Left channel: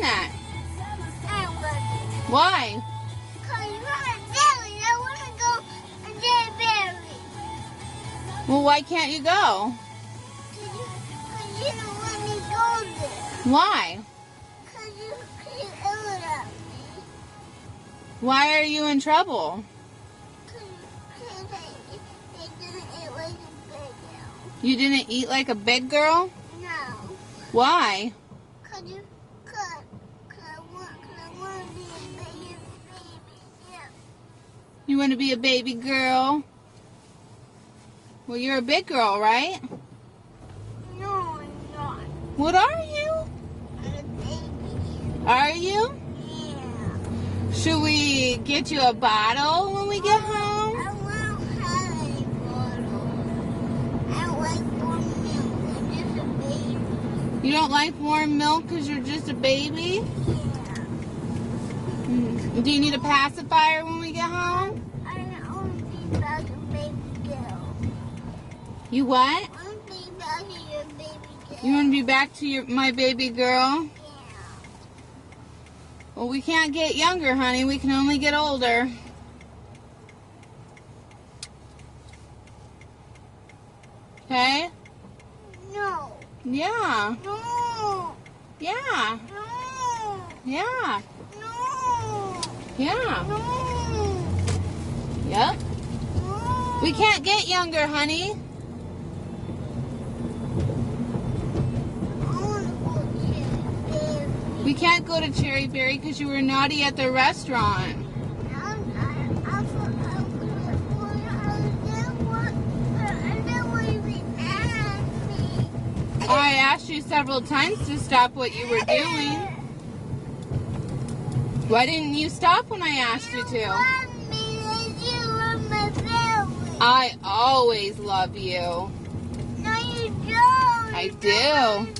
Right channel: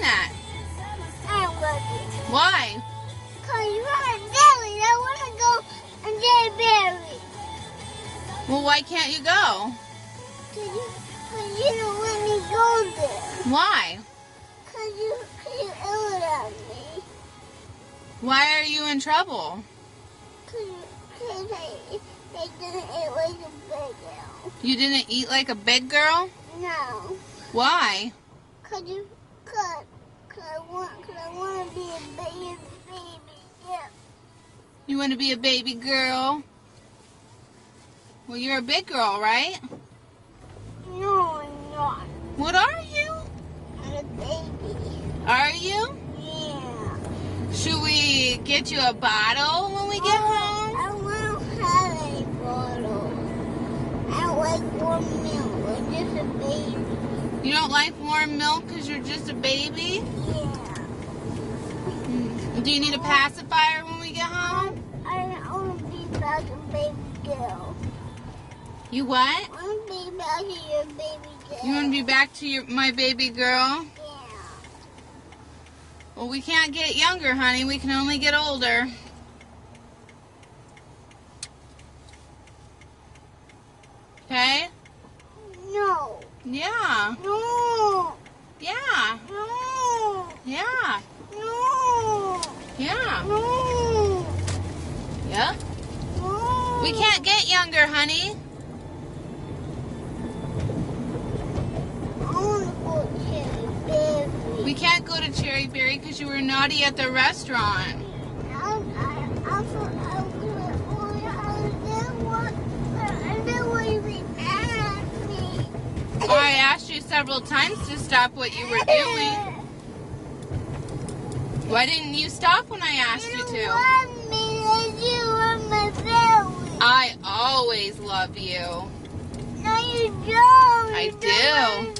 that? I love you. Why? Because you're a berry. I want to go and get a berry. Well, why can't you go? Because you don't let me go there. Why? Because you yelled at me. Why are you in trouble? Because I didn't eat like a big girl. You didn't eat like a big girl? No. Why? Because I want to be a baby girl. You want to be a baby girl? Well, you're a big girl, right? No, I'm not. What are you? I'm a baby. Are you? Yeah. Should we get you a bottle when we get home? I won't have a bottle. I like warm milk. I'm just a baby. You don't like warm milk because you're just a baby? Yeah. Do you need a pacifier when we get home? I want to be back a baby girl. You what? I want to be back to your baby girl. You want to be back to my baby girl? Yeah. Well, we can't get younger, honey. We can only get older. Okay? No. Yeah. No. Yeah. No. Yeah. No. Yeah. No. Yep. No. We can't get younger, honey. I want to go to Cherry Berry. We can't go to Cherry Berry because you were naughty at the restaurant. I asked you several times to stop what you were doing. Why didn't you stop when I asked you to? I always love you. No, you don't. I You do. don't